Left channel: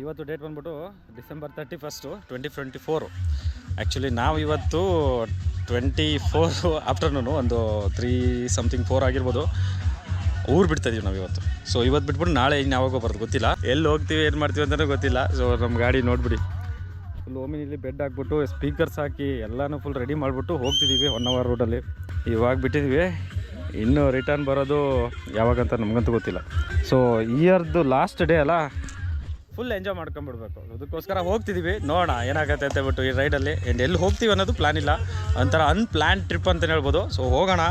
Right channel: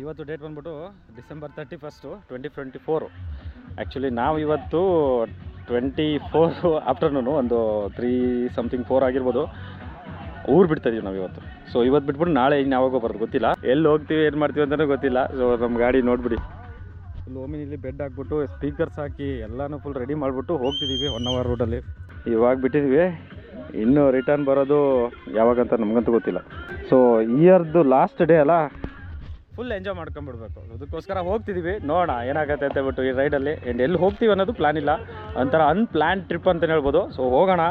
ಇವತ್ತು ಡೇಟ್ ಬಂದ್ಬಿಟ್ಟು December 31, 2024. Actually ನಾವು ಇವತ್ತು 24 ಆಫ್ಟರ್ನೂನು ಒಂದು 3-4 ಆಗಿರ್ಬೋದು ಊರು ಬಿಡ್ತಾಯಿದ್ದೀವಿ ನಾವು ಇವತ್ತು. ಸೊ ಇವತ್ತು ಬಿಟ್ಬಿಟ್ಟು ನಾಳೆ ಇನ್ನು ಯಾವಾಗೋ ಬರೋದು ಗೊತ್ತಿಲ್ಲ, ಎಲ್ಲಿ ಹೋಗ್ತೀವಿ ಏನು ಮಾಡ್ತೀವಿ ಅಂತಲೂ ಗೊತ್ತಿಲ್ಲ. ಸೊ ನಮ್ಮ ಗಾಡಿ ನೋಡಿಬಿಡಿ, ಫುಲ್ ಓಮಿನಿಲಿ ಬೆಡ್ ಹಾಕ್ಬಿಟ್ಟು ಸ್ಪೀಕರ್ಸ್ ಹಾಕಿ ಎಲ್ಲನೂ ಫುಲ್ ರೆಡಿ ಮಾಡಿಬಿಟ್ಟು ಹೋಗ್ತಿದ್ದೀವಿ 1 hour ರೋಡಲ್ಲಿ. ಇವಾಗ ಬಿಟ್ಟಿದ್ದೀವಿ, ಇನ್ನು ರಿಟರ್ನ್ ಬರೋದು ಯಾವಾಗಂತ ನಮಗಂತೂ ಗೊತ್ತಿಲ್ಲ. ಸೊ ಇಯರ್ದು ಲಾಸ್ಟ್ ಡೇ ಅಲ್ಲ, ಫುಲ್ ಎಂಜಾಯ್ ಮಾಡ್ಕೊಂಬಿಡ್ಬೇಕು. ಅದಕ್ಕೋಸ್ಕರ ಹೋಗ್ತಿದ್ದೀವಿ, ನೋಡೋಣ ಏನಾಗುತ್ತೆ ಅಂತ ಹೇಳ್ಬಿಟ್ಟು ಈ ರೈಡಲ್ಲಿ. ಆ್ಯಂಡ್ ಎಲ್ಲಿ ಹೋಗ್ತೀವಿ ಅನ್ನೋದು ಪ್ಲ್ಯಾನ್ ಇಲ್ಲ, ಒಂಥರ ಅನ್ಪ್ಲ್ಯಾನ್ ಟ್ರಿಪ್ ಅಂತಲೇ ಹೇಳ್ಬೋದು. ಸೊ ಹೋಗೋಣ,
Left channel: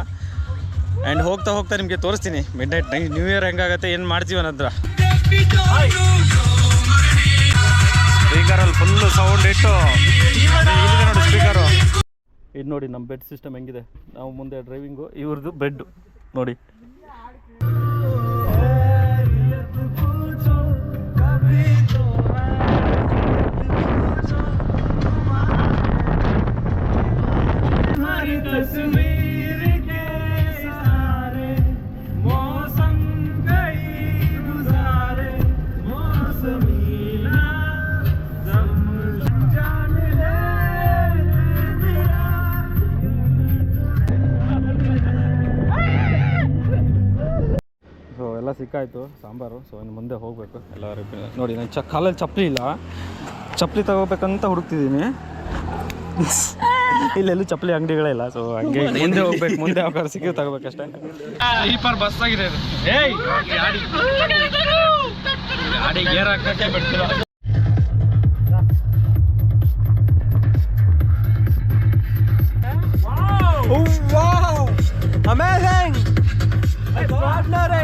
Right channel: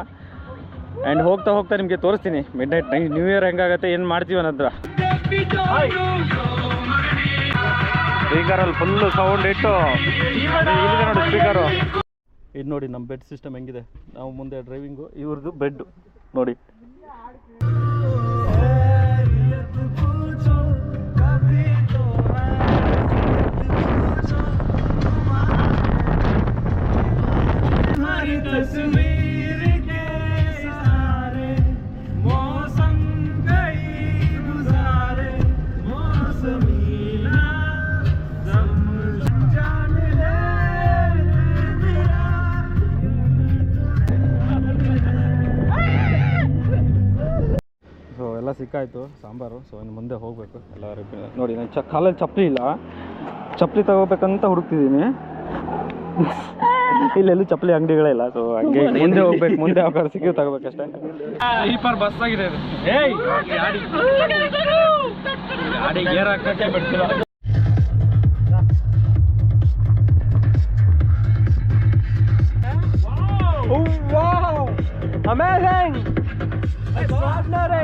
ಆ್ಯಂಡ್ ಹೋಗ್ತಾ ಹೋಗ್ತಾ ನಿಮಗೆ ತೋರಿಸ್ತೀನಿ ಮಿಡ್ ನೈಟ್ ನ್ಯೂ ಇಯರ್ ಹೆಂಗಾಗುತ್ತೆ, ಏನು ಮಾಡ್ತೀವಿ ಅನ್ನೋದ್ರ. ಸ್ಪೀಕರಲ್ಲಿ ಫುಲ್ಲು ಸೌಂಡ್ ಇಟ್ಟು ಇಲ್ಲಿದೆ ನೋಡಿ ಸ್ಪೀಕರು. ಇದು ನೋಡಿ ನಮ್ಮ ಬೆಡ್ ಸಿಸ್ಟಮ್ ಹೆಂಗಿದೆ. ನಾವು ಮುಂದೆ ಡ್ರೈವಿಂಗು, ಇವ್ರದ್ದು ಬೆಡ್ಡು ನೋಡಿ. ಎಲ್ಲ ಸಿಕ್ಕಾಯಿತು ಸಾಂಬಾರು. ಸೊ ಇನ್ನು ಮುಂದೆ ಹೋಗಬೇಕು ಎಲ್ಲರೂ. ನೋಡಿ ನಾನು ಕಾಲಲ್ಲಿ ಚಪ್ಪಲಿ ಇಲ್ಲ, ಚಪ್ಪಲಿ ತಗೋಬೇಕಂತ ಹುಡುಕ್ತಿದ್ದೀನಿ. ಇಲ್ಲೆಲ್ಲೂ ಚಪ್ಪಲಿ ಅಂಗಡಿಗಳೇ ಇಲ್ಲ. ಸೊ ಹಂಗೆ ಮುಂದೆ ಹೋಗ್ಬೇಕು, ಮುಂದೆ ಯಾವ್ದಾರು ಸಿಕ್ಕಿ ತಗೋಬೇಕಷ್ಟೇ. ಸ್ಲೀಪರ್ ಬಸ್ ಆಗಿದೆ ಇದು. ಗಾಡಿ ಗೇರ್ ಹಾಕಕ್ಕೆ ಬಿಡ್ತಿಲ್ಲ. Amazing! Extraordinary!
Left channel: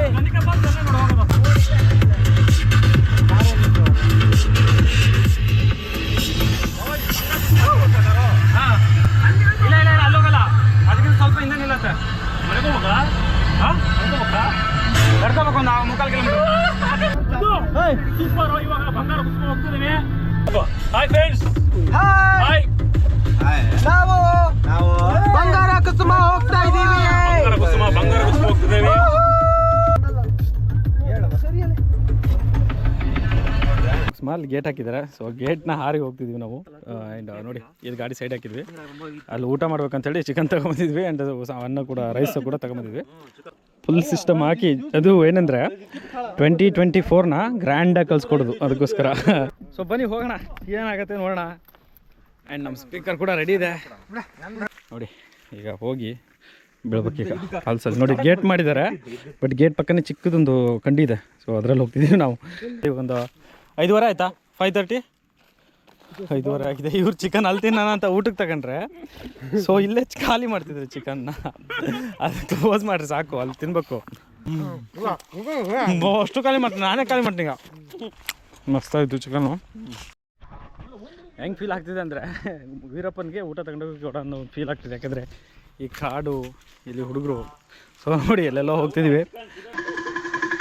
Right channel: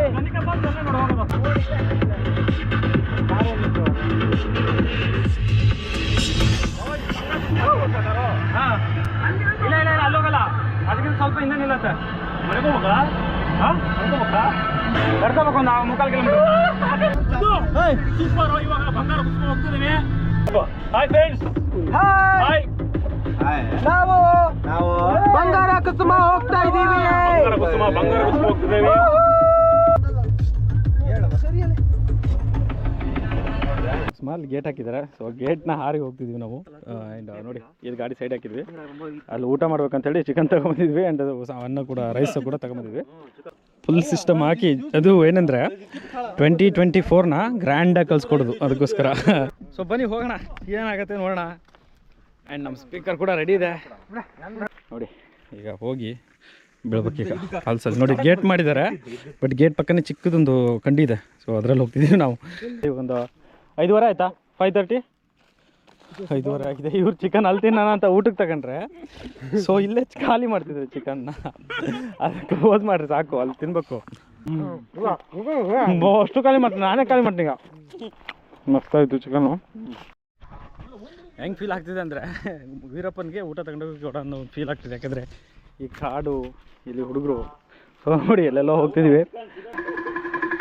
ಇಲ್ಲ ಅಲ್ಲೋಗಲ್ಲ, ಅದಕ್ಕಿಂತ ಸ್ವಲ್ಪ ಹಿಂದೆ ನಿಲ್ಲತ್ತೆ. ಕರ್ಕೋಬೇಕು ಒಂದು 3-4 ಕಿಲೋಮೀಟರ್. ಸೂಪರ್. ಇವಾಗ ಬಂಗಾರ ಕುಸುಮ ಹೋಗ್ತಿದ್ದೀವಿ. Hi friends, hi. ನಾವು ಬಂಗಾರ ಕುಸುಮ ಹೋಗ್ತಾ ಇದ್ದೀವಿ. ಬಂಗಾರ ಕುಸುಮ ಹೋಗ್ತಿದ್ದೇವೆ. ಸ್ಮಾಲ್ ಗೇಟ್ ಹಾಕಿದ್ದಾರೆ. ಸೊ ಗೇಟ್ನ ಹಾರಿ ಹೋಗ್ತಿದ್ವಿ ನಾವು. ಆ್ಯಂಡ್ ನೋಡಿ ಇದು ಗಾಡಿ ಸೈಡ್ ಹಾಕಿದ್ವಿ. ಅಲ್ಲಿ ಊಟ ಮಾಡ್ಬೇಕಂತೇಳಿ ಚಿಕನ್ ತೊಗೊಂಬಂದಿದ್ವಿ. ಆ್ಯಂಡ್ ಅನ್ನ ಕೂಡ, ರೈಸ್ ಕೂಡ ತೊಗೊಂಬಂದಿದ್ವಿ. ಫುಲ್ ಸಿಸ್ಟಮ್ ಹಾಕಿ. ಅದು ಏನಂದರೆ 2024ನ ಗ್ರ್ಯಾಂಡಾಗಿ ಕಳಿಸ್ಕೊಡೋದು, ಅದಕ್ಕೋಸ್ಕರ. ಸೊ ಬನ್ನಿ ಹೋಗೋಣ, ಏನಾಗುತ್ತೆ ನೋಡೋಣ. ಆ್ಯಂಡ್ ನಮ್ಮ ಸ್ಪೀಕರ್ ಕೂಡ ರೆಡಿ ಇದೆ ನೋಡಿ. ಈಗ ಹೋಗಿ ಬೀಳ್ಬೇಕೀಗ ಫಾಲ್ಸಲ್ಲಿ. ನೋಡಿ ಗೇಟ್ ಮಾಡಿದ್ದಾರೆ, ಬಟ್ ಗೇಟ್ ಪಕ್ಕನೇ ಚಿಕ್ಕದೊಂದು ಕಂಡಿ ಇದೆ. ಸೊ ಅದರಲ್ಲಿ ಹೋಗ್ತಿದ್ದೀವಿ ನಾವು. ಈಗ ಒಂದು 5:15 ಆಯಿತಾ, 5:30, 5:15 ಆಗಿದೆ. ಇವ್ರು ಚಿಕನ್ ಅಲ್ಲಿ ತಿನ್ನೋಣ ಅಂತ ಊಟಕ್ಕೆ ತಗೊಂಡ್ರೆ, ಸೊ ಇಲ್ಲೇ ಖಾಲಿ ಮಾಡ್ತಿದ್ರು ಚಿಕನ್ನ. ಅದು ಕ್ಲೋಸ್ ಮಾಡಿರಿ ಸಾಕು, ಅಲ್ಲಿ ತಿನ್ಬೇಕು. ಅಷ್ಟು ಖಾಲಿ ಮಾಡ್ತೀನಿ, ನಾನೇ ಖಾಲಿ ಮಾಡ್ತೀನಿ. ಈಗ ಮಸ್ತಾಯಿತ್ತು ಚಿಕನ್ನು. ಹೆಂಗೆ ಫೀಲ್ ಆಗ್ತಿದೆ ಅಂದರೆ, ವೀರಪ್ಪನಿಗೆ ಊಟ ತಗೊಂಡೋಗಿ ಕೊಡೋ ಅನ್ನೋ ಫೀಲ್ ಆಗ್ತಿದೆ. ಯಾಕಂದರೆ ಈ ಕಾಡು, ಇಲ್ಲಿ ಹುಡುಗರು. ಸೊ ನೋಡಿ ಎಲ್ಲೆಲ್ಲೋ ಹೋಗ್ತಿದ್ದೀವಿ.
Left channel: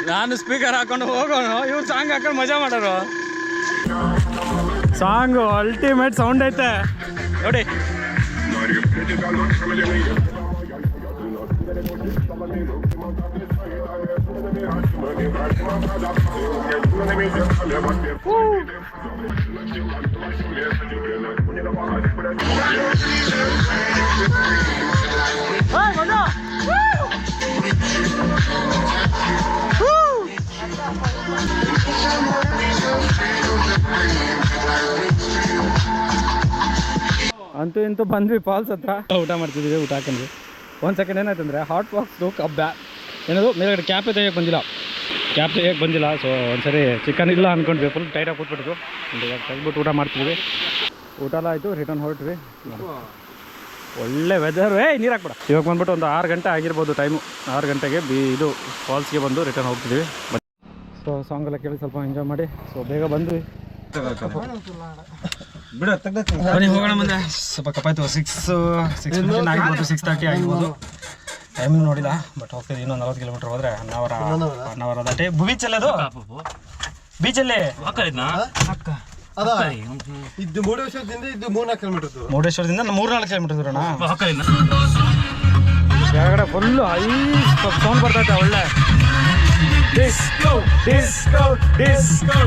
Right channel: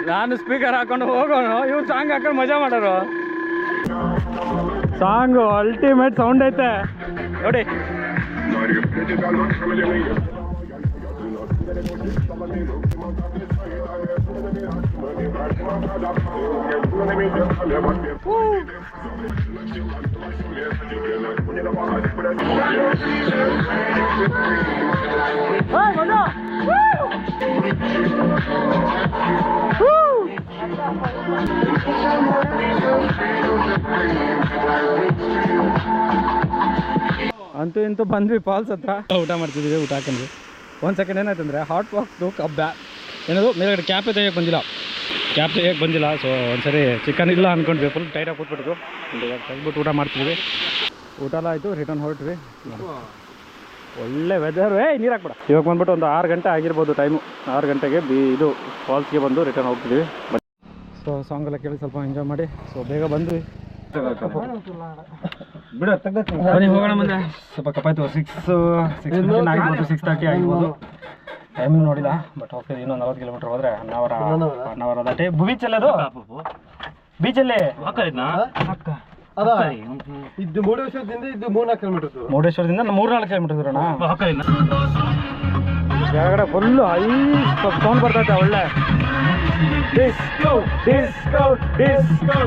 ನಾನು ಸ್ಪೀಕರ್ ಹಾಕೊಂಡು ಹೋಗೋಣ, ಇವ್ರು ಸಾಂಗ್ ಹಾಕೊಂಡು ಮಜಾ ಮಾಡೋರು. ಸಾಂಗು ಅಲ್ಟಿಮೇಟ್ ಸೌಂಡ್ ಐತೆ ನೋಡಿ. ಅಂತೂ ಇಂತೂ ಬಂದ್ವಿ ಫಾಲ್ಸ್ ಹತ್ರ. ಊಟ ಮಾಡ್ತಿದ್ದೀವಿ. ಊಟ ಹಾಕೊಂಡ್ವಿ. 1 ಸೆಕೆಂಡ್ ಏನಾಯ್ತಂದರೆ ಹಾಟ್ ಬಾಕ್ಸ್ದು ಏನದು ಮೇಲ್ಗಡೆ ಕ್ಯಾಪೇ ತೆಗಿಯೋಕ್ಕೆ ಬಂದಿಲ್ಲ. ಸೊ ಒಂದ್ಸರಿ ಚಿಕನ್ ಇಲ್ಲ ಅಂದ್ಕೊಂಡ್ವಿ, ಫುಲ್ ಟೈಟಾಗಿ ಕೂತ್ಬಿಟ್ಟು. ಇವಾಗ ತೆಗ್ಬಿಟ್ಟು ಊಟ ಮಾಡ್ತಿದ್ವಿ. ಊಟ ಎಲ್ಲ ಆಯಿತು, ರಿಟರ್ನ್ ಹೊರಟ್ವಿ. ಒಳ್ಳೆ ವೆದರ್. ನೀರು ಹಾಕ್ಬಿಡ. ಇವಾಗ ಬಂದ್ಬಿಟ್ಟು ಒಂದು 6 ಗಂಟೆ ಆಗಿರ್ಬೋದು ಟೈಮು. 6 ಗಂಟೆಗೆ ಇದು ಫಾಲ್ಸ್ಗೆ ಬಂದು ರಿಟರ್ನ್ ಹೋಗ್ತಿದ್ವಿ. ಸೊ ಸಾಂಗೆಲ್ಲ ಕೇಳಿ ಸ್ವಲ್ಪ ಎಂಜಾಯ್ ಮಾಡಿ ಸೊ ಬೇಗ ಬಂದ್ವಿ. ಬನ್ನಿ ಹೋಗೋಣ. ಮುಂದೆ ಸ್ವಲ್ಪ ಕಪ್ಪಾಯ್ತು. 6:15 ಆಗಿರ್ಬೋದು, 6:30 ಆಗಿರ್ಬೋದು. ಟೈಮ್ ನೋಡಿಲ್ಲ, ಬಟ್ ಹೋಗ್ತಿದ್ವಿ. ಇನ್ನೊಂದು 40 ಕಿಲೋಮೀಟರ್ ಹೋದರೆ 1 ಅವರ್ ಅದಾಟೆ. ಬೀಚಲ್ಲಿ ಅದು ಬೀಚಲ್ಲಿ ಮುರುಡೇಶ್ವರದಿಂದ 3-4 ಕಿಲೋಮೀಟರ್ ದೂರಣ. ಕೆಳಗಡೆ ಫುಲ್ಲು ಸೌಂಡ್ ಬರ್ತೈತೆ ಒಳ್ಳೆ. Disco disco disco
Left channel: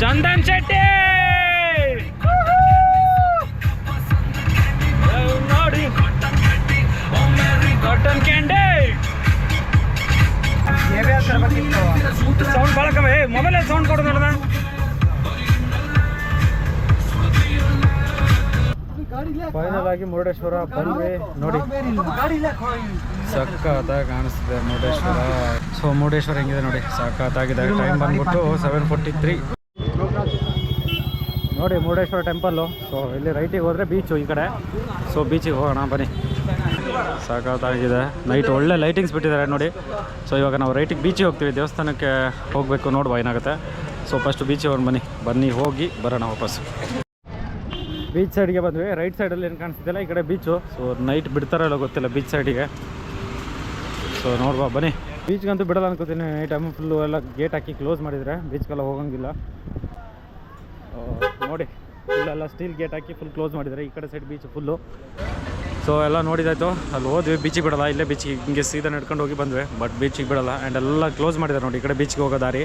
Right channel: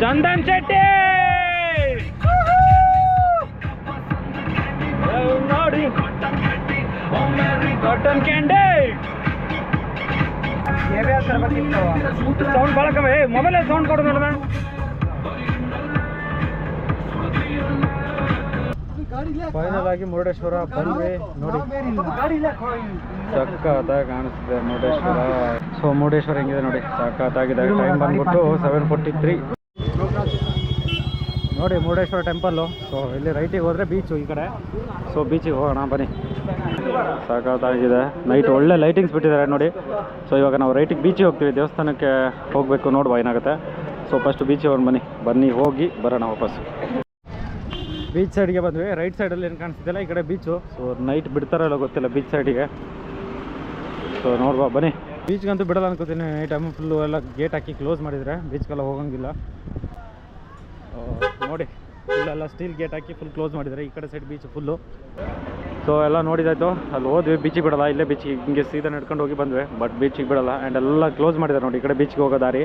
Chandan Shetty ನೋಡಿ ಕಾಟನ್ ಕ್ಯಾಂಡಿ ಸೌಂಡ್ ಭಾಳ ಕಮ್ಮಿ ಮೊಬೈಲ್ ಸೌಂಡ್ ಕೊಡು ನೋಡೋಣ ಫೈನಲ್ ಆಗಿ ಮುರುಡೇಶ್ವರ ಬಂದ್ವಿ ನೋಡಿ ಸಖತ್ತಾಗಿ ಕಾಣಿಸ್ತಿದೆ ಮುರುಡೇಶ್ವರ ಸೊ ಮುರುಡೇಶ್ವರ ಹೆಂಗಿದೆ ನೋಡಿ ಸಖತ್ತಾಗಿದೆ ಟೈಮ್ ಬಂದ್ಬಿಟ್ಟು 7:43 ನೋಡಿ ಮುರುಡೇಶ್ವರ ಟೆಂಪಲ್ಲು ಸೊ ಇಲ್ಲಿ ರೈಟಿಗೆ ಹೋದರೆ ಬೀಚು ಈ ಕಡೆ ಸೊ ಬೀಚಿಗೆ ಹೋಗೋಣ ಬನ್ನಿ ಸಖತ್ತಾಗಿದೆ ನೈಟ್ ಒಳ್ಳೆ ಲೈಟಿಂಗ್ಸ್ ಬಿಟ್ಟಿದ್ದಾರೆ ನೋಡಿ ಸೊ ಇವಾಗ ನಾವು ರೈಟಿಗೆ ಬೀಚಿಗೆ ಹೋಗ್ತೀವಿ ದೇವಸ್ಥಾನಕ್ಕೆ ಹೋಗಬೇಕು ನೋಡುವ ಏನಾಗುತ್ತೆ ಸೊ ಫಸ್ಟ್ ಬೀಚಿಗೆ ಹೋಗಿ ಬನ್ನಿ ಹೋಗಿ ಬರೋಣ ವಾಪಸ್ ಬೀಚ್ ಸೈಡ್ಗೆ ಬಂದ್ವಿ ರೈಟ್ ಸೈಡಲ್ಲಿ ಏನು ಕಾಣಿಸ್ತಿಲ್ಲ ಈ ಕಡೆ ಬೀಚು ಸೊ ನೈಟ್ ಬಿಡ್ತಾರಲ್ಲ ಗೊತ್ತಿಲ್ಲ ಬೀಚ್ ಸೈಡಿಗೆ ಸೊ ನೋಡುವ ಬನ್ನಿ ಬೀಚ್ಗಂತೂ ಬಿಡಲ್ಲ ಅನ್ಕೋತೀನಿ ನೈಟ್ ಟೈಮ್ ಫುಲ್ಲು ಎಲ್ಲ ಗೇಟ್ ಹಾಕಿ ಕ್ಲೋಸ್ ಮಾಡಿದರೆ ಬೀಚ್ಗೆಲ್ಲ ಹೋಗೋಂಗಿಲ್ಲ ನೋಡಿ ಇಲ್ಲೆಲ್ಲ ಸ್ಟೀಲ್ ಗೇಟ್ ಹಾಕಿ ಫುಲ್ ಕ್ಲೋಸ್ ಮಾಡಿದ್ದಾರೆ ಈ ಕಡೆ ಸೈಡ್ ಬೀಚ್ ಫುಲ್ಲು ಸೊ ಎಲ್ಲ ನೋಡಿದಾಯ್ತು ಅಲ್ಲಿ ಹೋದ್ವಿ ಬೀಚಿಗೆ ಬಿಡಲ್ಲ ಇಲ್ಲೇ ಬೀಚಿಗೆ ಹಿಂಗೆ ಸೀದಾ ನಡ್ಕೊಂಡು ಹೋಗಿ ಬಂದ್ವಿ ಬಟ್ ಬೀಚಿಗೆ ಬಿಡಲ್ಲ ಆ್ಯಂಡ್ ಎಲ್ಲ ಕ್ಲೋಸ್ ಮಾಡಿದ್ದಾರೆ ನೋಡಿ ಈ ಕಡೆ ಬೀಚ್ಗೆ ಹೋಗೋ ದಾರಿ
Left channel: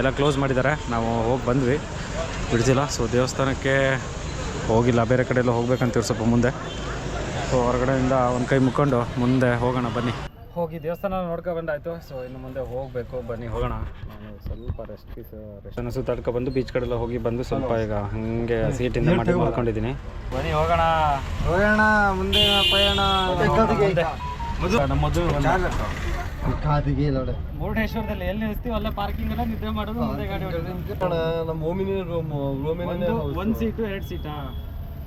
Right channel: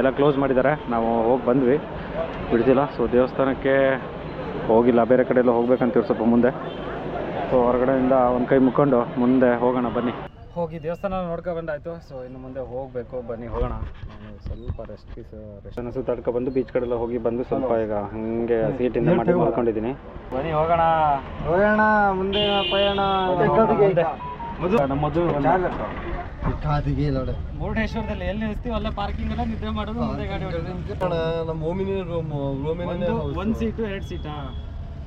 ಎಲ್ಲ ಕ್ಲೋಸ್ ಮಾಡಿದ್ದಾರೆ ನಾವು ಹೋಗಿ ಬಂದ್ವಿ ಬಿಡ್ತಿಲ್ಲ ಸೊ ದೇವಸ್ಥಾನಕ್ಕೆ ಹೋಗಿಲ್ಲ ಬೇರೆ ಕಡೆ ಎಲ್ಲ ಹೋಗ್ಬೇಕಂತೀವಿ ಸ್ವಲ್ಪ ಮುಂದೆ ಸೊ ಹೊರಗಡೆಯಿಂದ ಒಂದು ಕೈ ಮುಕ್ಕೊಂಡು ಮುಂದೆ ಹೋಗೋಣ ಬನ್ನಿ ಹೋಗಿ ದೇವಸ್ಥಾನ ನೋಡ್ಕೊಂಡು ಬಂದಾಯಿತು ಸೊ ಇನ್ನು ಮುಂದೆ ಹೋಗಬೇಕು ಬನ್ನಿ ಹೋಗೋಣ ನಾನು ಸ್ವಲ್ಪ ರೆಸ್ಟನ್ನು ಸುತ್ತಾಡ್ಕೊಂಡು ಬೀಚ್ ಕಡೆಲ್ಲ ಹೋಗಿ ಬಂದು ಸ್ವಲ್ಪ ಈಗ ಹಾಗೆ ಸೀಟಿಂದ ಮಾಡಿ ಮಾಡ್ಕೊಂಡಿದ್ದೀನಿ ಬನ್ನಿ ಹೋಗೋಣ ಮುಂದೆ ಪಯಣ ನಮ್ಮ ಮುರುಡೇಶ್ವರದಲ್ಲಿ ಎಲ್ಲಿ ನಿಲ್ಲಿಸ್ತೀವಿ ಅಲ್ಲೇ ಪಾರ್ಕಿಂಗ್ ಎಲ್ಲ ನಿದ್ದೆ ಮಾಡೋದು ಮುಂದೆ ಗಾಡಿ ನಮ್ಮ ಓಮಿನಿ ಒಂದು ಸೀಟು 2 ಸೀಟಾ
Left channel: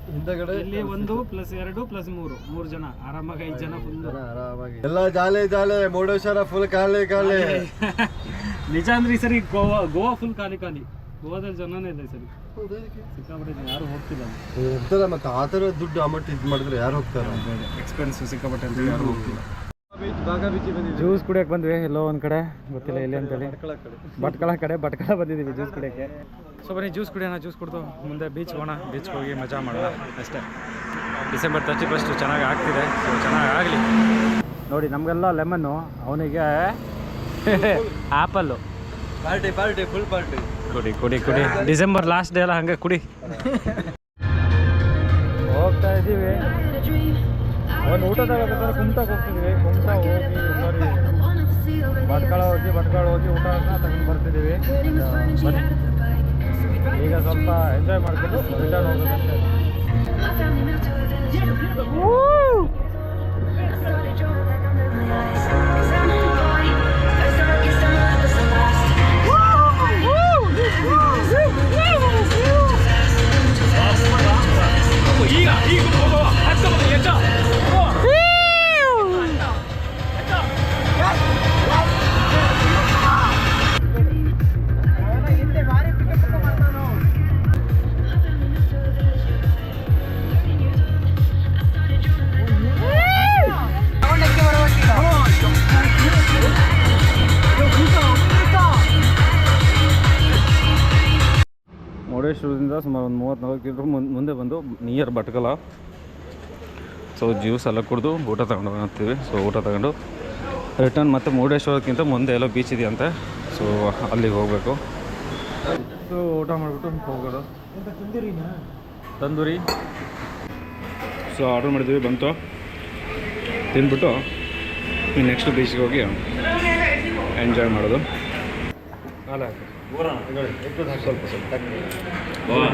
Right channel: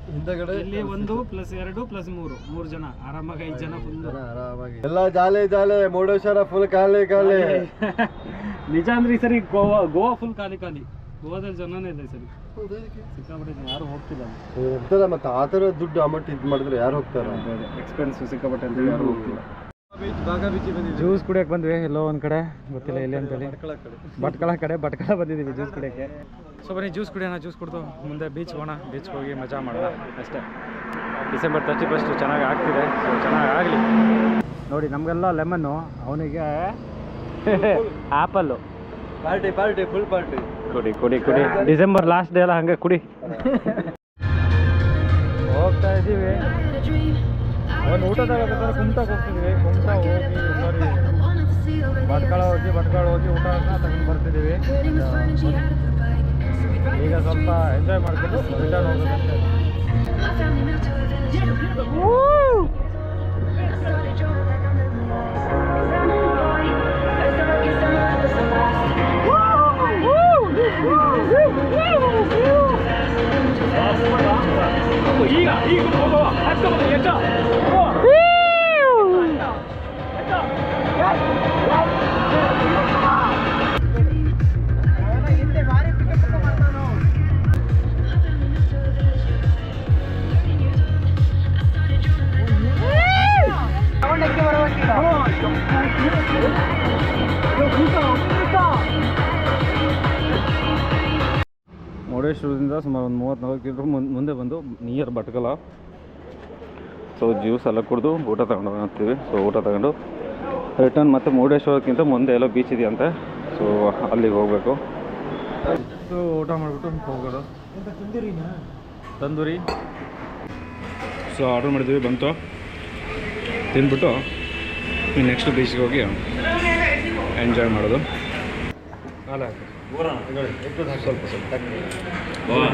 ಹಿಂದಗಡೆ ಇಲ್ಲಿ 1+2+3 ಜನ ಆರಾಮಾಗಿ 5 ಜನ ಫುಲ್ ಆರಾಮಾಗಿ ಎಲ್ಲ ಜಾಲೆ ಮುರುಡೇಶ್ವರ ಫುಲ್ ಖಾಲಿ ನಿಜ ಅಂದ್ರೆ ಈ ಸರಿ ಗೋವಾ ಫುಲ್ ಖಾಲಿ ಗೋವಾದಲ್ಲಿ ಜನನೇ ಇಲ್ಲ ಈ ಸರಿ ಸಿಕ್ಕಾಪಟ್ಟೆ ಯಾರು ಹೋಗ್ತಿಲ್ಲ ಇರ್ತಾರೆ ಮತ್ತೆ ಆ ಥರ ದುಡ್ಡು ಅಮೌಂಟ್ ಇದು ಮಾಡಿದ್ರೆ ಯಾರು ಹೋಗ್ತಾರೆ ಎಕ್ಸ್ಪೆನ್ಸ್ ಸಿಕ್ಕಾಪಟ್ಟೆ ಅಂತ ಯಾರು ಹೋಗ್ತಿಲ್ಲ ಜ್ಯೂಸ್ ಕುಡಿಯೋಕೆ ಬಂದ್ವಿ ಎಲ್ಲೋ ಒಂದು ಕಡೆ ಗೊತ್ತಿಲ್ಲ ಎಲ್ಲಿ ಅಂತೇಳಿ ಭಟ್ಕಳ ಬಂದಿದ್ದೀವಿ ಜ್ಯೂಸ್ ಕುಡಿಯೋಕ್ಕೆ ಸೊ ಬನ್ನಿ ಜ್ಯೂಸ್ ಕುಡಿಯೋಣ ಜ್ಯೂಸ್ ಕುಡಿದು ಮುಂದೆ ಬೀಚ್ ಹೋಗೋಣ ಬೀಚ್ಗೆ ಹೋಗಿ ಮಜಾ ಮಾಡೋಣ ಅಷ್ಟೇ ಡಿಸೆಂಬರ್ 31 ಚೆನ್ನಾಗಿ ಆಗ್ತಿದೆ ಸೊ ಚೆನ್ನಾಗಿ ಆಗಲಿ ನೋಡಿ ನಮಗೆಲ್ಲ ಲೆಮನ್ನು ಅವನಿಗೆ ಆ್ಯಪಲ್ಲು ಪಾರ್ಟಿ ಫುಲ್ ಪಾರ್ಟಿ ಕುಡಿ ಡಿಸೆಂಬರ್ ಲಾಸ್ಟ್ ಡೇ ಎಲ್ಲ ಹಂಗೆ ಕುಡಿ ಹೋಗ್ತಾ ಇದ್ದೀವಿ ಒಂದು ಊಟದಾಗ ಕುಮಟಾಗೆ ಹೋಗ್ತಿದ್ದೀವಿ ಕುಮಟಾ ಹೋಗಿ ಭಟ್ಕಳ ಹೋಗಿ ಊಟನ ತಗೊಂಡು ಬರ್ತಿದ್ದೀವಿ ಈಗ ಸ್ವಲ್ಪ ಎಂಜಾಯ್ ಮಾಡ್ಕೊಂಡು ರಿಟರ್ನ್ ಹೋಗೋದಷ್ಟೇ ಮುರುಡೇಶ್ವರದಿಂದ ಸುಮಾರು ಒಂದು 34 ಕಿಲೋಮೀಟ್ರ್ ಮುಂದೆ ಬಂದು ನಿಯರ್ ಭಟ್ಕಳ ಸೊ ಜ್ಯೂಸ್ ಎಲ್ಲ ಕುಡಿದು ಊಟ ತಗೊಂಡು ಹೋಗ್ತೀವಿ ಸೊ ಊಟ ತಗೊಂಡು ರಿಟರ್ನ್ ಮತ್ತು ಮುರುಡೇಶ್ವರಕ್ಕಿಂತ ಮುಂದೆ ಎಲ್ಲೋ ಬೀಚ್ ಇದೆಯಂತೆ ಸೊ ಅಲ್ಲಿಗೆ ಹೋಗಬೇಕು ಸೊ ಊಟ ಮಾಡಿಬಿಟ್ಟು ಹೋಗೋದು ತಂದೂರಿ ಸೊ ಆರ್ಡ್ರ್ ಮಾಡಿದ್ವಿ ಬಂತು ತಿಂದ್ಬಿಟ್ಟು ನೆಕ್ಸ್ಟ್ ಬೀಚ್ಗೆ ಹೋಗಿ ಎಂಜಾಯ್ ಮಾಡೋದು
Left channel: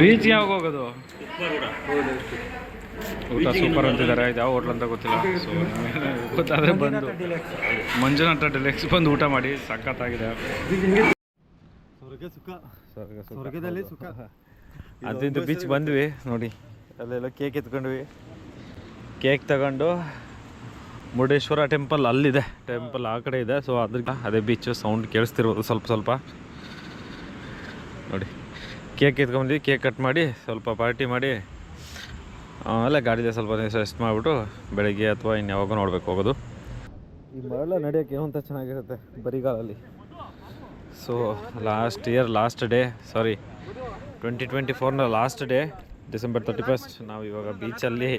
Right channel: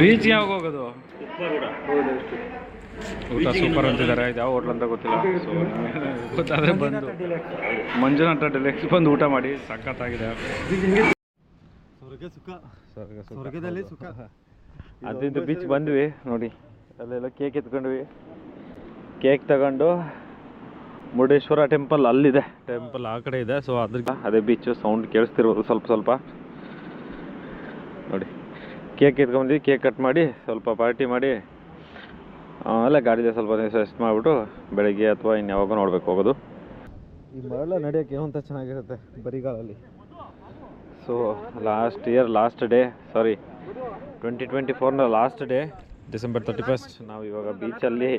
ಬೀಚ್ ಯಾವಾಗ ಹೋಗೋದು ಊಟ ಸೂಪರ್ ಅಂತಿದ್ದಾರೆ ಇದು ಯಾವ ಹೋಟ್ಲ್ ಅಂತ ಗೊತ್ತಿಲ್ಲ ಸೊ ಗೊತ್ತಾದರೆ ಬಂದು ಮಂಜುನಾಥ ಡಿಲೆಕ್ಸ್ ಬಂದು ಊಟ ಮಾಡಿ ಸಖತ್ತಾಗಿದೆ ಸ್ವರ್ಗದಲ್ಲಿ ಸುಖ ಅದಿಂದ ಬೀಚ್ ಬಂದ್ವಿ ನೋಡಿ ಅಲ್ಲೆಲ್ಲ ಕೇಕ್ ಎತ್ಕೊಂಡ್ವಿ ಕೇಕ್ ತಗೊಂಡು ಮುರುಡೇಶ್ವರ ಟೆಂಪಲ್ ಅಲ್ಲಿದೆ ಟೆಂಪಲ್ ಆ ಕಡೆ ಇದೆ ಸೊ ಅದೇ ಬೀಚು ಸೌಂಡ್ ಕೇಳಿಸ್ತಿರ್ಬೋದು ಸ್ವಲ್ಪ ನೋಡಿ ಕೇಕ್ ಎತ್ಕೊಂಡ್ವಿ ಕೇಕ್ ಕಟ್ ಮಾಡಿ ಸ್ವಲ್ಪ ಪಾರ್ಟಿ ಮಾಡಿ ಆಮೇಲೆ ಗಾಡಿದೆ ಸ್ವಲ್ಪ ರೆಸ್ಟ್ ಮಾಡಿಬಿಟ್ಟು ಬೆಳಗ್ಗೆ ಅಥವಾ ಇನ್ಯಾವಾಗ ನೋಡ್ಬೇಕು ಹೋಗೋದು ಈ ಮರಳ ನಡೆಯೋಕ್ಕೆ ಏನಂತ ಚೆನ್ನಾಗಿರುತ್ತೆ ಬರಿಗಾಲಲ್ಲಿ ಸೊ ಲಾಸ್ಟ್ ಡೇ 2024ನ ಲಾಸ್ಟ್ ಡೇ ಡಿಸೆಂಬರ್ 31 ನಾವು ಇವಾಗ ಬೀಚಲ್ಲಿ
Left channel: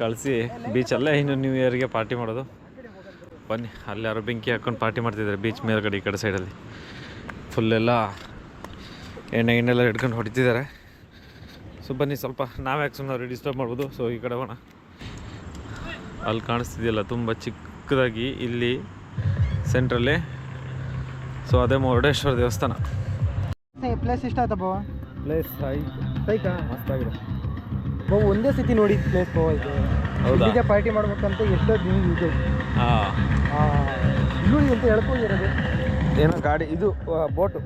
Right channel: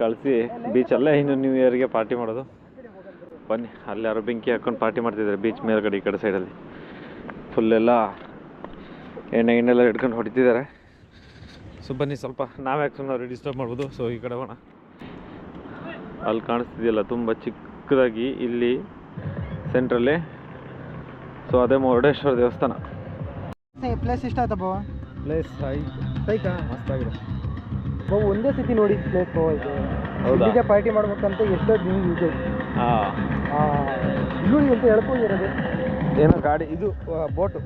ಕಳಿಸಿ ಬೀಚಲ್ಲೇ ಇನ್ನು ನ್ಯೂ ಇಯರ್ಗೆ ಪಾರ್ಟಿ ಮಾಡೋದು ಬನ್ನಿ ಅಲ್ಲಿ ಯಾರೋ ಬೆಂಕಿ ಹಾಕ್ಕೊಂಡು ಪಾರ್ಟಿ ಮಾಡ್ತಿದ್ದಾರೆ ಬೀಚ್ ಮೇಲ್ಗಡೆ ಈ ಕಡೆ ಸೈಡಲ್ಲಿ ಫುಲ್ಲೆಲ್ಲ ಎಣ್ಣೆ ಗಿಣ್ಣೆಲ್ಲ ಹಿಡ್ಕೊಂಡು ಹೊಡಿತಿದ್ದಾರೆ. ಸೊ ಬನ್ನಿ ಸ್ವಲ್ಪ ನಾವ್ಯಾಕೆ ಸುಮ್ಮನೆ ಅವ್ರಿಗೆ ಡಿಸ್ಟರ್ಬ್ ಮಾಡ್ಬೋದು. ಸೊ ಈ ಕಡೆ ಹೋಗೋಣ. ಅಲ್ಲಿ ಕಾಣಿಸ್ತಿದೆಯಲ್ಲ ತುಂಬ ಚಿಕ್ಕದಾಗಿ ಇಲ್ಲಿ ಸೆಂಟ್ರಲ್ಲಿ. ಸೊ ಅದೇ ಮುರುಡೇಶ್ವರ ದೇವಸ್ಥಾನ. ಪ್ಲೇಸ್ ಇಷ್ಟ ಆಯ್ತಾ ಬಾವ? ಪ್ಲೇಸ್ ಸೈಕಾ ಮಸ್ತಾಗಿದೆ ಬಾವು. ಒಂದೇ ಸತಿ ನೋಡಿದ ಪ್ಲೇಸ್ ಬಾವ ಇದು. ಹೌದಾ? ಇಲ್ಲಿಗೆ ಪಾರ್ಟಿ ಮಾಡ್ಬೇಕಂತ ಎಷ್ಟೋ ದಿನ ಇದು ಹಾಂ ಇಲ್ಲಿ ಅಂತ ಹೇಳ್ಕೊಂಡಿರೋದು. ಏನೋ ಗಾಡಿ ಇದು ಬೋಟು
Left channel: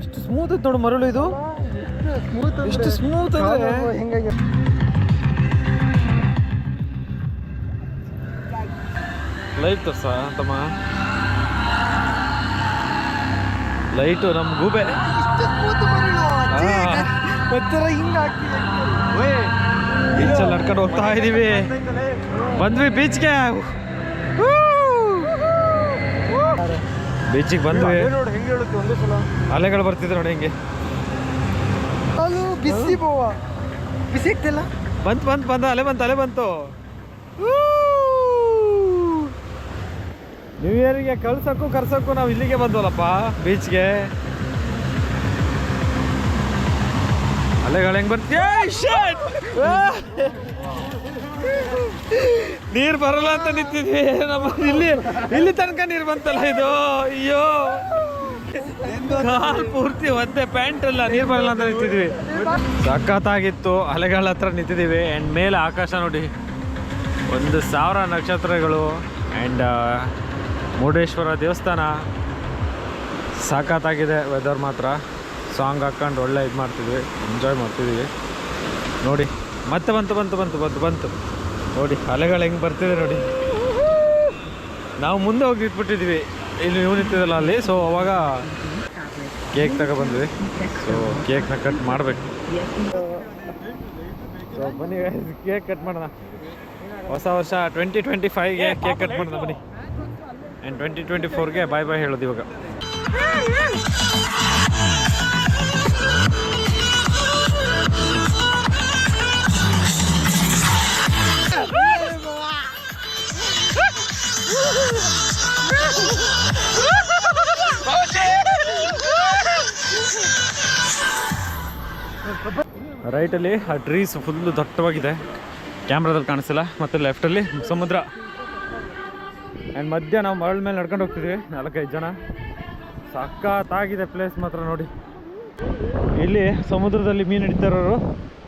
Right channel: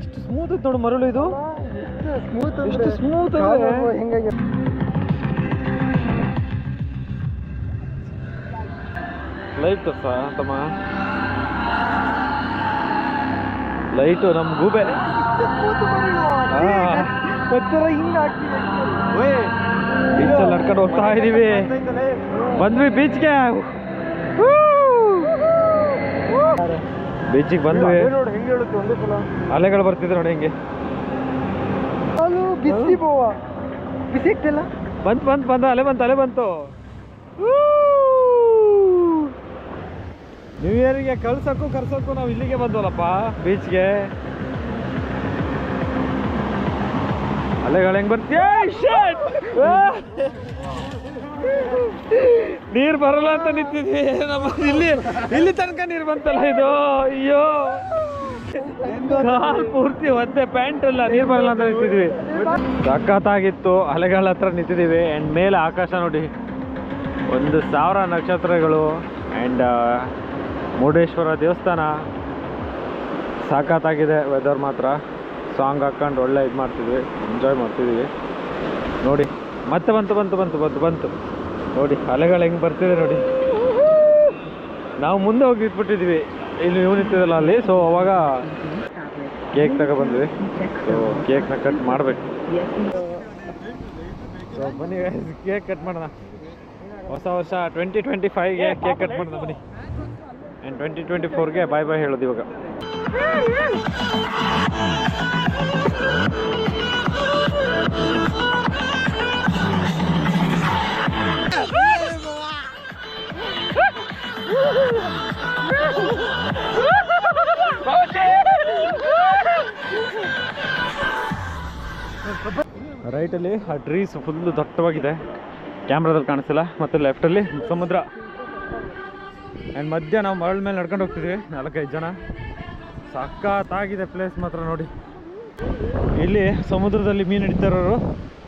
ಇಷ್ಟು ಸ್ಮೂತ್ ಇತ್ತು ನೋಡು ಮರಳು. ಇದು ಎಷ್ಟು ಸ್ಮೂತ್ ಹೆಂಗಾಗಿ ಲೈಟ್ ತೋರ್ಸ ತಮ್ಮ. ಲೈಟು ನಮ್ಮ ಗೂಬೆ ಬೀಚಲ್ಲಿ ನಡ್ಕೊಂಡು ಹೋಗ್ತಾ ಇದೀವಿ. ಬಂದ್ವಿ ಬೀಚ್ಗೆ. ಬೀಚಿಗೆ ಬಂದ್ವಿ. ನೋಡಿ ಹೆಂಗೆ ಹೇಳುತ್ತೆ ಒಂದೇ ಸಲ. ಅಲೆಗಳು ಬರ್ತಿದೆ ನೋಡಿ ಹೆಂಗೆ. ಅದು ಬಿಸಿ ಬೋವ. ಬಿಸಿ ಆಗ್ತಿಲ್ಲ. ಬಂತು ಅಲೆ ಬಂತು. ನ್ಯೂ ಇಯರ್ಗೆ ಕರ್ಸೋಕ್ಕೂ ನಾವು ಇಲ್ಲಿಗೆ ಬಂದ್ವಲ್ಲಪ್ಪ ಬೀಚ್ಗೆ. ಅಲೆಗಳು ಹೆಂಗೆ ಬರ್ತೀಯ? ನೀರು ಬರಲ್ಲ ಅಂತ ನಿಂತಿದ್ವಿ. ನಮ್ಮ ಇಲ್ಲಿ ತನಕ ನೀರು ಬಂತಲ್ಲ ಇದು. ಅಯ್ಯೋ ಕಾಲ್ ಪೂರ್ತಿ ಒದ್ದೆ, ಪ್ಯಾಂಟ್ ಎಲ್ಲ ನೀರು ಬರಲ್ಲ ಅಂತ ನಿಂತಿದ್ವಿ. ಸಖತ್ತಾಗಿತ್ತು. ಅಲೆಗಳ ಹತ್ರ ನಿಂತಿದ್ದೀವಿ. ಆ್ಯಂಡ್ ಮೇಲೆ ಆಕಾಶ ನೋಡಿ, 1,000 ನಕ್ಷತ್ರಗಳು. ಆ್ಯಂಡ್ ಮುರುಡೇಶ್ವರ ದೇವಸ್ಥಾನ ಸಖತ್ತಾಗಿದೆ. ವೆದರ್ ಮಾತ್ರ ಸಾಂಗ್ ಹಾಕ್ಕೊಂಡು ಒಳ್ಳೆ ಇದು ಮಾಡ್ತಿದ್ವಿ, ಎಂಜಾಯ್ ಮಾಡ್ತಿದ್ದೀವಿ. ನೋಡಿ ಮತ್ತೆ ಬಂತು ನೋಡಿ ಅಲೆಗಳು ಹೆಂಗೆ ಬರ್ತಿದೆ ನೋಡಿ. ನಾವು ಮುಂದೆ ಹೋಗಿ ಇಟ್ಬಿಟ್ಟಿದ್ವಿ, ಇಲ್ಲಿ ನೀವು ನಿಂತಿದ್ದಲ್ಲ ಅಲ್ಲಿ. ಸೊ ಅವಾಗ ಕೇಕ್ ತಗೊಬಂದ್ವಿ. ಸೊ ಕೇಕ್ನ ಕಟ್ ಮಾಡಬೇಕು. ಸೊ ಬನ್ನಿ ಕೇಕ್ ಕಟ್ ಮಾಡೋಣ. ಹೊಸ ವರ್ಷ 2025ಗೆ ಕೇಕ್ ಕಟ್ ಮಾಡೋಣ ಬನ್ನಿ. ಆ್ಯಂಡ್ 2024ಗೆ ಬಾಯ್ ಹೇಳೋದು ಇವಾಗ. ರೈಟಲ್ಲಿ ಆ ಟ್ರೀಸ್ ಫುಲ್ಲು ದಟ್ಟವಾಗಿದೆ, ಕ್ಯಾಮ್ರಾದಲ್ಲಿ ಕಾಣಿಸ್ತಿಲ್ಲ. ಮತ್ತು ಲೆಫ್ಟಲ್ಲಿ ಸಮುದ್ರ. ಆ್ಯಂಡ್ ಮಧ್ಯ ನಾವು ಮರಳ ಮೇಲೆ ನಡ್ಕೊಂಡು ಹೋಗ್ತಿದ್ವಿ, 4-5 ಜನ. ಸಖತ್ತಾಗಿದೆ ಪ್ಲೇಸ್ ಮಾತ್ರ ನೋಡಿ. ಇಲ್ಲಿ ಸಮುದ್ರದಲ್ಲಿ ಮೀನು ಹಿಡಿತಾರೋರು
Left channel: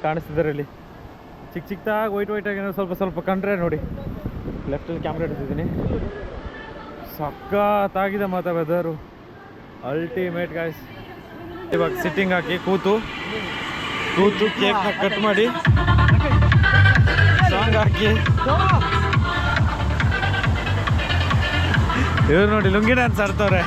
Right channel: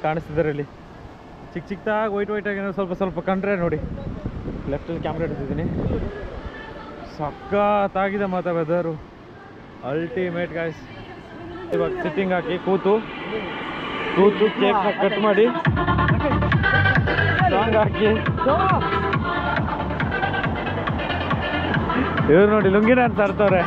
ಕಾಣಿಸ್ತಿದ್ದಾರೆ. ಇಲ್ಲಿ ಚಿಕ್ಕದಾಗಿ ವೈಟಾಗಿ ಸ್ವಲ್ಪ ಕಂಡ್ರೆ ನೋಡಿ. ಲೆಫ್ಟಲ್ಲಿ ಕ್ಯಾಮ್ರಾ ಹಿಡಿತಿದ್ದೀನಿ. ಸಖತ್ತಾಗಿದೆ ಮಾತ್ರ ವೆದರು, ಅಲ್ಟಿಮೇಟ್ ಗಾಯ್ಸ್. ಇವಾಗ ಸಿಟ್ಟಿಂಗ್ ಹಾಕಿ ಕೂತು ಕೇಕ್ನ ಕಟ್ ಮಾಡಿ ಸಾಂಗ್ ಹಾಕಿ. ಇವ್ರು ನೋಡಿ ಲುಂಗಿ ಡ್ಯಾನ್ಸ್ ಆಡ್ತವ್ರೆ.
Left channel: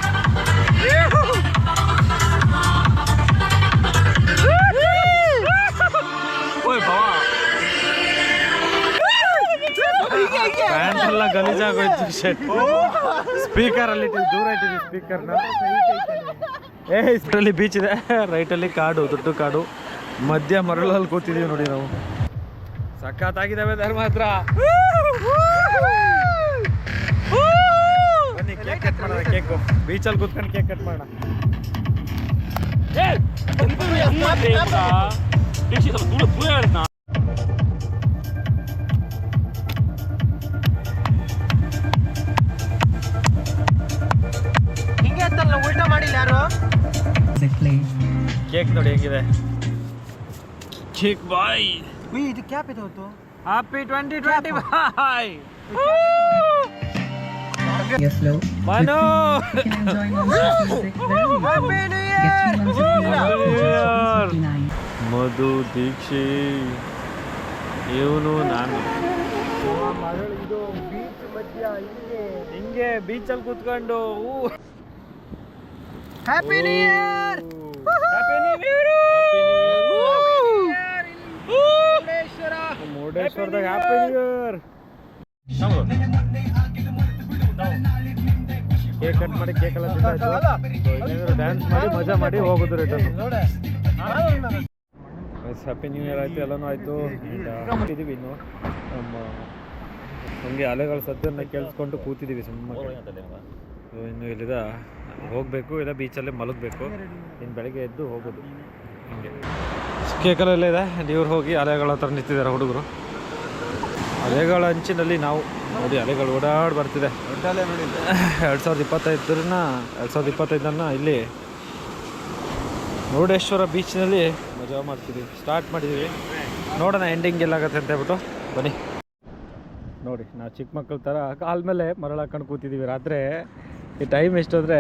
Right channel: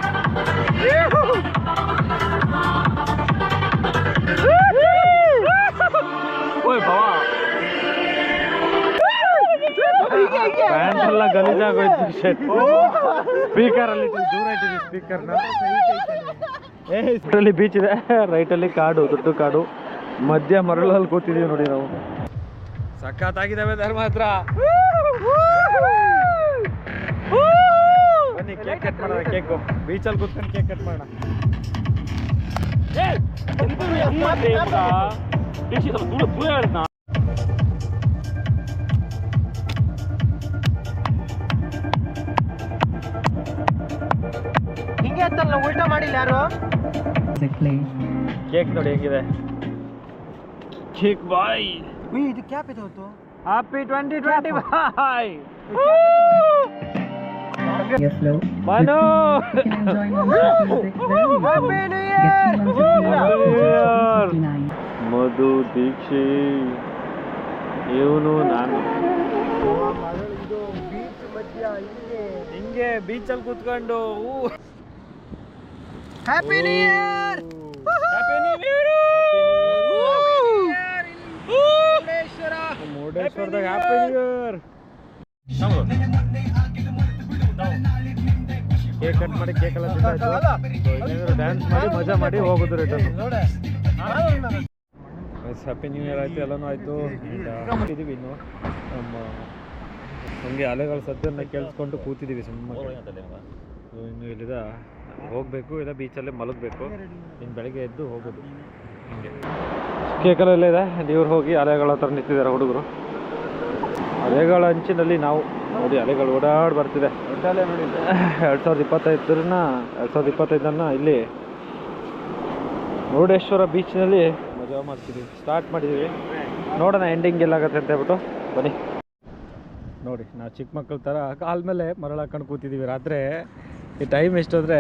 ಪ್ಯಾಂಟ್ ಎಲ್ಲ ಗಲೀಜಾಗೋಯ್ತು. ಸ್ಪೀಕರಲ್ಲಿ ದೂರ ಇಟ್ಟಿದ್ವಿ ಸ್ಪೀಕರ್ನ. ಇಷ್ಟರಲ್ಲಿ ಬೀಚ್ ಇದೆ, ರೈಟಲ್ಲಿ ಕಾಡು, ದೊಡ್ಡ ಕಾಡು, ಮಧ್ಯ ಮರಳಲ್ಲಿ ಕೂತಿದ್ದೀವಿ ನೋಡಿ ನಾವು. ಸಖತ್ತಾಗಿದ್ದಾವೆ ಧರ್ಮ ಹತ್ರ. ಬನ್ನಿ ಕೇಕ್ ಕಟ್ ಮಾಡೋಣ. ಕೇಕು ಬೀಚಲ್ಲಿ ಕೂತ್ಕೊಂಡು ಕೇಕ್ ಕಟ್ ಮಾಡೋಣ. ಹಿಂಗೆ ಅಂತಲ್ಲ, ಉಲ್ಟಾ ಮಾಡಿಲ್ಲ ಯಾರು. ಕೇಕ್ ನೋಡಿ ಹೆಂಗಿದೆ. ಕೇಕ್ ಬಾಯ್. ಇದು ಕ್ಯಾಪ್ ಇದೆ ಹೊತ್ತು. Happy 2025. Yes, Flo. Manu! You can enjoy non-stop music very Happy easily. New Get 2 months of free Year! 59. Madhu Deeksha ಇವನು ನಾನು ಇದು ಬೀಚ್ ಮಧ್ಯ ಹಿಂಗೆ ಬೀಚಲ್ಲಿ ಕೂತ್ಕೊಂಡು happy new year. Happy new year. ಮುರುಡೇಶ್ವರದಾಗ happy new year. Cake cut ಮಾಡಿ ಕೇಕ್ ಎಲ್ಲ ತಿಂದಾಯ್ತು. ಡ್ಯಾನ್ಸ್ ಮಾಡಿ ಮಜಾ ಮಾಡಿ ಹೋಗೋದು ರಿಟರ್ನ್. ಹ್ಯಾಪಿ ನ್ಯೂ ಇಯರ್ ಆಯಿತು, ಎಲ್ಲನೂ ಆಯಿತು. ಕೂತಿದ್ದೀವಿ ಇನ್ನು ನಮ್ಮ ಹಂಗೆ ಅಲೆಗಳ ಸದ್ದನ್ನು ಕೇಳಿಸ್ಕೊಂಡು ಕೂತಿದ್ದೀವಿ ಸುಮ್ಮನೆ. ಇನ್ನು ಇಲ್ಲಿದ ಹೋಗಬೇಕು ಇಲ್ಲ ಬೀಚಲ್ಲೇ ಮಲಗಬೇಕು, ಇನ್ನು ಬೆಳಗ್ಗೆ ಎದ್ದು ಹೋಗೋದು ಹಿಂಗೆ. ಕೇಕಲೆಲ್ಲ ಇದೆ, ನೀರು ಹೋಗಿ ಅಲೆಗಳ ಹತ್ರ ನಿಂತಿದ್ದಾರೆ ಹುಡುಗರು. ಅಲೆಗಳ ಅಂಚಿನಲ್ಲಿ ನಾವು ನೋಡಿ, ಅಲೆಗಳು ಓಡಾಡಿ ಬರ್ತಿದೆ. 2025 ಇಲ್ಲಿ ಮುರುಡೇಶ್ವರ ಬೀಚ್ನಲ್ಲಿ ಮಜಾ ಮಾಡ್ತಿದ್ದೀವಿ. ಸ್ಟಾರ್ಟ್ ಮಾಡಿದ್ದೀವಿ, ನೋಡೋಣ ಎಂಡಿಂಗ್ ಎಲ್ಲಾಗತ್ತೆ ಅಂತ ಹೇಳ್ಬಿಟ್ಟು ಬನ್ನಿ. ನೋಡಿ ನಾವು ಚಿಕ್ಕ ಮಕ್ಕಳ ಥರ ಕಾಲ ಮೇಲೆ ಮರಳು ಹಾಕೊಂಡು ಕೂತಿದ್ದೀವಿ. ರಾತ್ರಿ ಈ ಟೈಮ್ ಎಷ್ಟು ಅಂದರೆ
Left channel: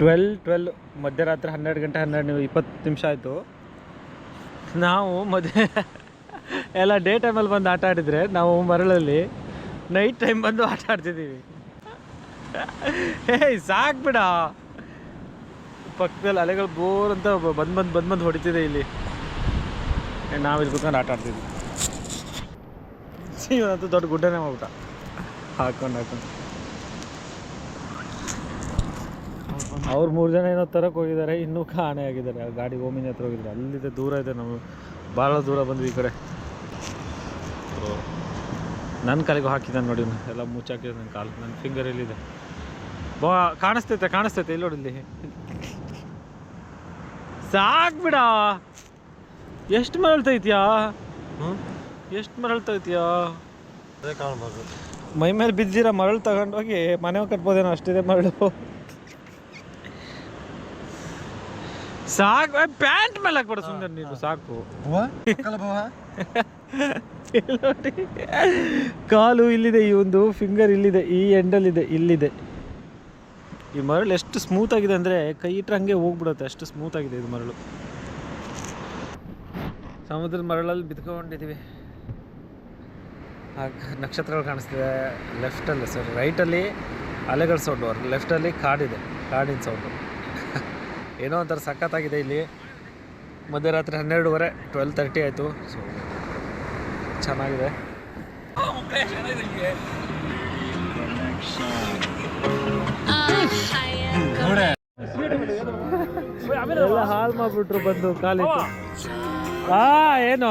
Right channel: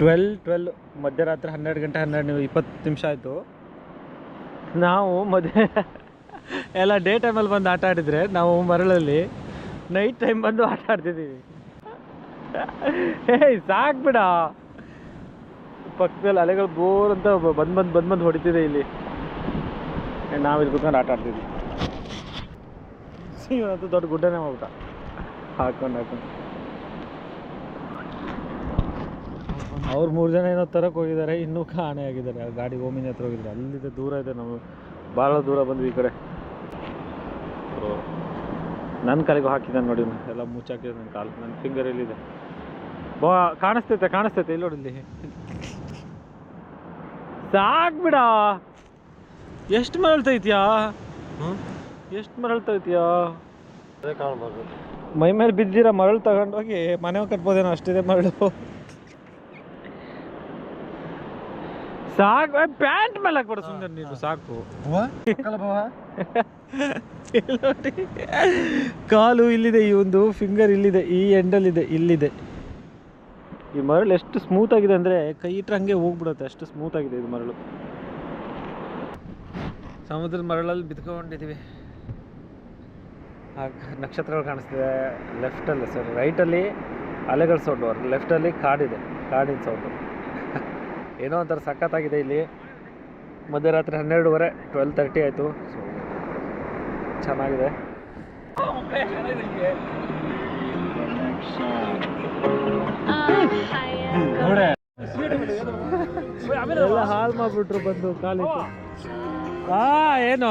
12 ಮಧ್ಯರಾತ್ರಿ 12 ಗಂಟೆ 20 ನಿಮಿಷ ಆಯಿತು. ನಾವು ಎಲ್ಲ ಡೇ ಟೈಮಲ್ಲಿ ಬಂದು ಆಟ ಆಡಿದರೆ, ನಾವು ಮರಳಲ್ಲಿ ನೈಟ್ ಟೈಮ್ ಬಂದು ಆಟ ಆಡ್ತಿದ್ದೀವಿ. ಏಯ್ ಸಾಕು ಬಿಡ, ಪಕ್ಕದಲ್ಲಿ ಅಲೆಗಳು ಬೋರ್ ಅಂತ ಬಂದು ಹೊಡಿತಿದೆ ಇಲ್ಲಿ. ನಾವು ಇಲ್ಲಿ ಕೂತ್ಕೊಂಡು ಆಟ ಆಡ್ತಿದ್ವಿ. ಇವತ್ತು ದೊಡ್ಡ ಗುಡ್ಡನೇ ಹೋಗ್ಬಿಟ್ಟ ಹಾಕೊಂಡು. ಅವ್ರು 3 ಜನ ಏನೋ ತರಕ್ಕೆ ಹೋಗಿದ್ದಾರೆ, ಇನ್ನೂ ಕಾಣೆ ಆಗಿದ್ದಾರೆ. ಆ ಗಾಡಿ ಓಮಿನಿ ಹತ್ರ ಹೋಗಿದ್ದಾರೆ, ಅಲ್ಲಿದೆ ದೂರ ಇದೆ. ನಾವು ಭಾಳ ದೂರ ಬಂದ್ವಿ ಈ ಕಡೆ. ನನ್ನ ಕಾಲಿಗೂ ಹಾಕಿದ್ದಾನೆ ನೋಡಿ, ಎಲ್ಲ ಮುಚ್ಚಾಕಿದೆ ನನ್ನ ಕಾಲು. ನನ್ನ ಫಿಂಗರ್ ಎಲ್ಲಿದೆ ಕಾಣಿಸ್ತೈತೆ ಇಲ್ಲಿ ನೋಡಿ, ಇಲ್ಲಿ ಸಾಕು ಬಿಡ. ಎಷ್ಟು ಮರಳ್ತೈತ್ಯಾ, ಎಷ್ಟು ಮರಳ್ತೈತ್ಯಾ. ಮೈ ಮೇಲೆ ಬಿದ್ದಿರೋ ಮರಳು ತಗೊಂಡೋಗಿ ಮನೆ ಕಟ್ಬೋದೇನೋ, ಅಷ್ಟಿದೆ ಮರಳು. ಸಾಕು, ಪ್ಯಾಂಟ್ ಮೇಲೆ ಹಾಕ್ಬೇಡ ಸುಂದರ್ ನೀನು, ಸಾಕು. ನೋಡಿ ಕಾಲು ಇಲ್ಲಿದೆ, ಈ ಒಂದು ಫಿಂಗರ್ ಇಲ್ಲಿದೆ, ಈ ಎಂಡಲ್ಲಿದೆ, ಇಲ್ಲಿದೆ. ಈ ಮರಳು ಎಷ್ಟು ಸ್ಮೂತ್ ಆಗಿದೆ ಅಂದರೆ ಕೈ ಇಟ್ಟರೆ ಹಂಗೆ ಹೋಗ್ಬಿಡುತ್ತೆ, ಅಷ್ಟು ಸ್ಮೂತ್ ಆಗಿದೆ ಇದು ಮರಳು. ಸಮುದ್ರದ ಮರಳಲ್ಲಿ ಬಿದ್ಕೊಂಡಿದ್ದೀವಿ. ನಕ್ಷತ್ರಗಳು ಕಾಣಿಸ್ತಿದೆ ಲೆಫ್ಟಲ್ಲಿ, ರೈಟಲ್ಲಿ ಅಲೆಗಳ ಸೌಂಡು, ಲೆಫ್ಟಲ್ಲಿ ಕಾಡಿದೆ, ಕಾಡಿನ ಸೌಂಡು. ಏನೋ ಒಂಥರ ಸಖತ್ತಾಗಿದೆ ಇಲ್ಲಿ. ಮಧ್ಯರಾತ್ರಿ 12:30 12:30 ಆಯಿತು. ಸೊ ಚೆನ್ನಾಗಿದೆ. ಎಲ್ಲ ಹಾಳು ಮಾಡಿಬಿಟ್ರು ಬಂದು ಕಾಲಿಟ್ಟು. ಏನು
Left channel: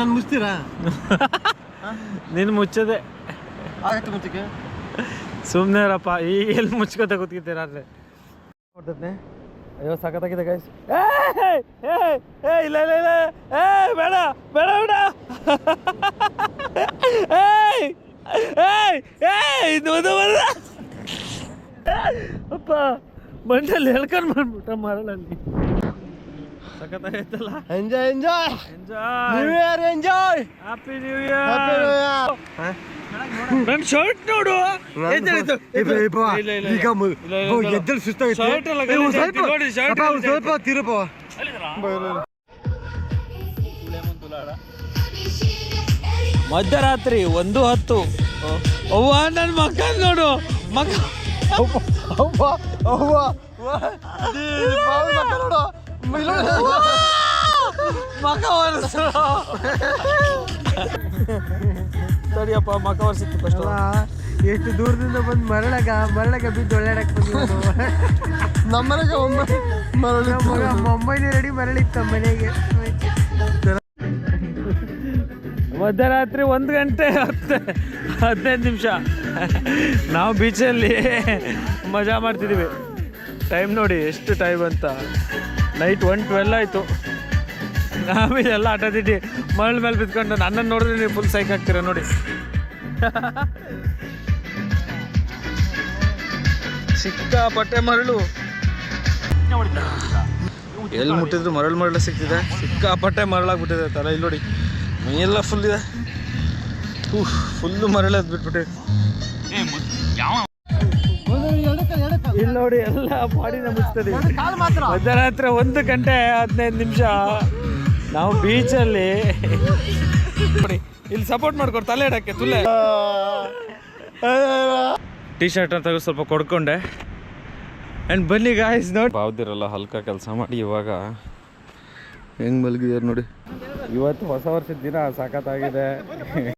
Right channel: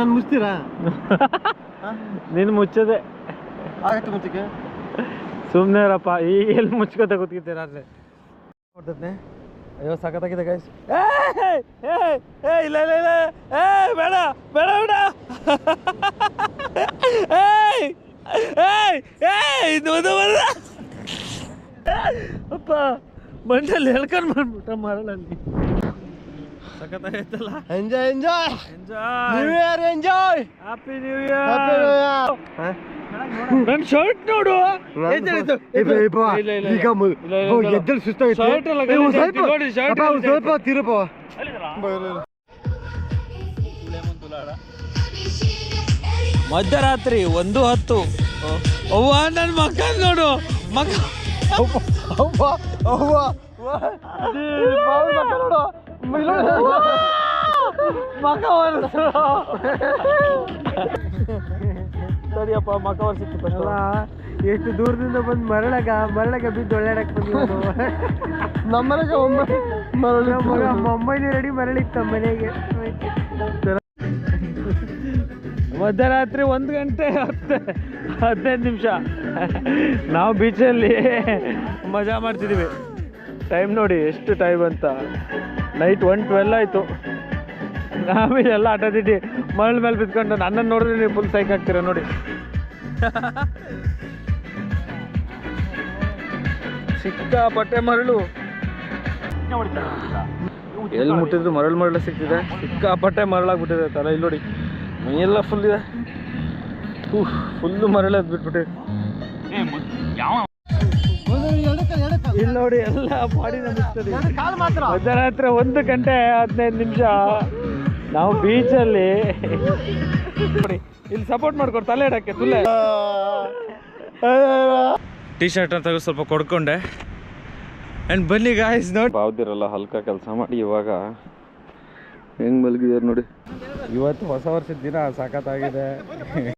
ನಾನು ಮುಚ್ತೀರಾ? ನೀನು ಮುಚ್ಚದೆ ಆಗತ್ತೆ ಮುಚ್ಚಕ್ಕೆ. ಸುಮ್ಮನೆ ಇರಪ್ಪ, ಈಗ ಎಲ್ಲಿ ಮುಚ್ಕೋತ ಕೂತ್ಕೊತೀರಾದ್ರೆ. ಅಯ್ಯೋ ಸಖತ್ತಾಗಿದೆ ಗೈಸ್. ಇಲ್ಲ ಇಲ್ಲ ಇಲ್ಲ, ಬೇಡ ಬೇಡ ಬೇಡ. ಅಪ್ಪ ಮಂಡಲ್ಲಿ ಹೇಳ್ಕೊಂಡು ಬಂದ್ಬಿಟ್ಟ ಮರಳಲ್ಲಿ. ಸಖತ್ತಾಗೈತಲ್ಲ. Enjoy enjoy enjoy, new year enjoy, happy new year. ನನ್ನ ಶರ್ಟ್ ನೋಡು, ಎದ್ದಲ್ ಸುಸ್ತಾಗೈತೆ. ಸ್ವಲ್ಪ ತಿರುಪ. ಮಧ್ಯರಾತ್ರಿ 1:10. ಅವ್ವ ನನ್ನ ಮಕ್ಕ ನೋಡು, ಮಕ್ಕ ಮಕ ಒರೆಸು. ಸರಿಯಪ್ಪ, ಮಕ ಒರೆಸಿತ್ತು ಫಸ್ಟ್. ಎಷ್ಟು ದೂರದಿಂದ ಬಂದು ಮರಳಗ ಬಿದ್ದು ಒಳ್ಳಾಡಕ್ ಬಂದಿದ್ದು. ನಮ್ಮನೆಗೆ ಮುಂಬೈಲಿ ರೆಡಿ ಮರಳಿತ್ತು ಮನೆಗೆ. ಮಧ್ಯರಾತ್ರಿ 1 ಗಂಟೆ 15 ನಿಮಿಷ ನಾವು ಬೀಚಲ್ಲಿ ಮಜಾ ಮಾಡ್ತಿದ್ದೀವಿ. ಟೈಮ್ ನೋಡಿ ಎಷ್ಟು ಟೈಮ್ ಅಂತ, ನೈಟ್ 1:12 ಆಯಿತು. ನಾವಿದೆಲ್ಲ ಆಟದಿಟ್ಟು ಮರಳ ಮೇಲೆ ಬಿದ್ಕೊಂಡು ನನ್ನನ್ನು ನೋಡಿದ್ರೆ ನೀವು ಫುಲ್ ಸೈಕ್ ಆಗ್ತೀರ ನೋಡಿ. ಸಿಕ್ಕಾಪಟ್ಟೆ ಮರಳು, ಎಲ್ಲಿ ಮುಟ್ಟಿದ್ರು ಮರಳು ಸಿಗ್ತಿದೆ. ಸಿಕ್ಕಾಪಟ್ಟೆ ಮರಳಾಗ್ಬಿಟ್ಟಿದೆ ತಲೆ. ಇಲ್ಲಿ ನೋಡಿ ಮೈಯೆಲ್ಲ ಫುಲ್ ಇದೆ, ಫುಲ್ಲು ಮರಳು ಬಿಟ್ಬಿಟ್ಟಿದೆ. ಇಲ್ಲಿ ನೋಡಿ ಎಲ್ಲ ಬಾಡಿನ ಮುಚ್ತದೆ. ಮಧ್ಯರಾತ್ರಿ 1 ಗಂಟೆ 15 ನಿಮಿಷ ನಾವು ಬೀಚಲ್ಲಿ ನೋಡಿ. ಇಲ್ಲಿ ಸಪೋರ್ಟ್ ಮಾಡ್ಕೊಡು ತಲೆ ಇಡಕ್ಕೆ. ತುಲೆ ಟೀ ಶರ್ಟ್ ಅಂತ ಸ್ವಲ್ಪ ಕೊಡ್ಕೊಂಡೆ. ಆ್ಯಂಡ್ ಬನ್ನಿ ಗಾಯ್ಸ್ ನೋಡಿ, ಬಾವ್ದಿರಲ್ಲ ಹಲ್ಕ ಕೆಲಸ ಮಾಡಿ ಇವಾಗ ಹೆಂಗೆ ಮಲಗಿದ್ದಾರೆ ನೋಡಿ. ಇವತ್ತು ಹೊಸ ವರ್ಷದ ದಿನ ಸಖತ್ತಾಗಿದೆ.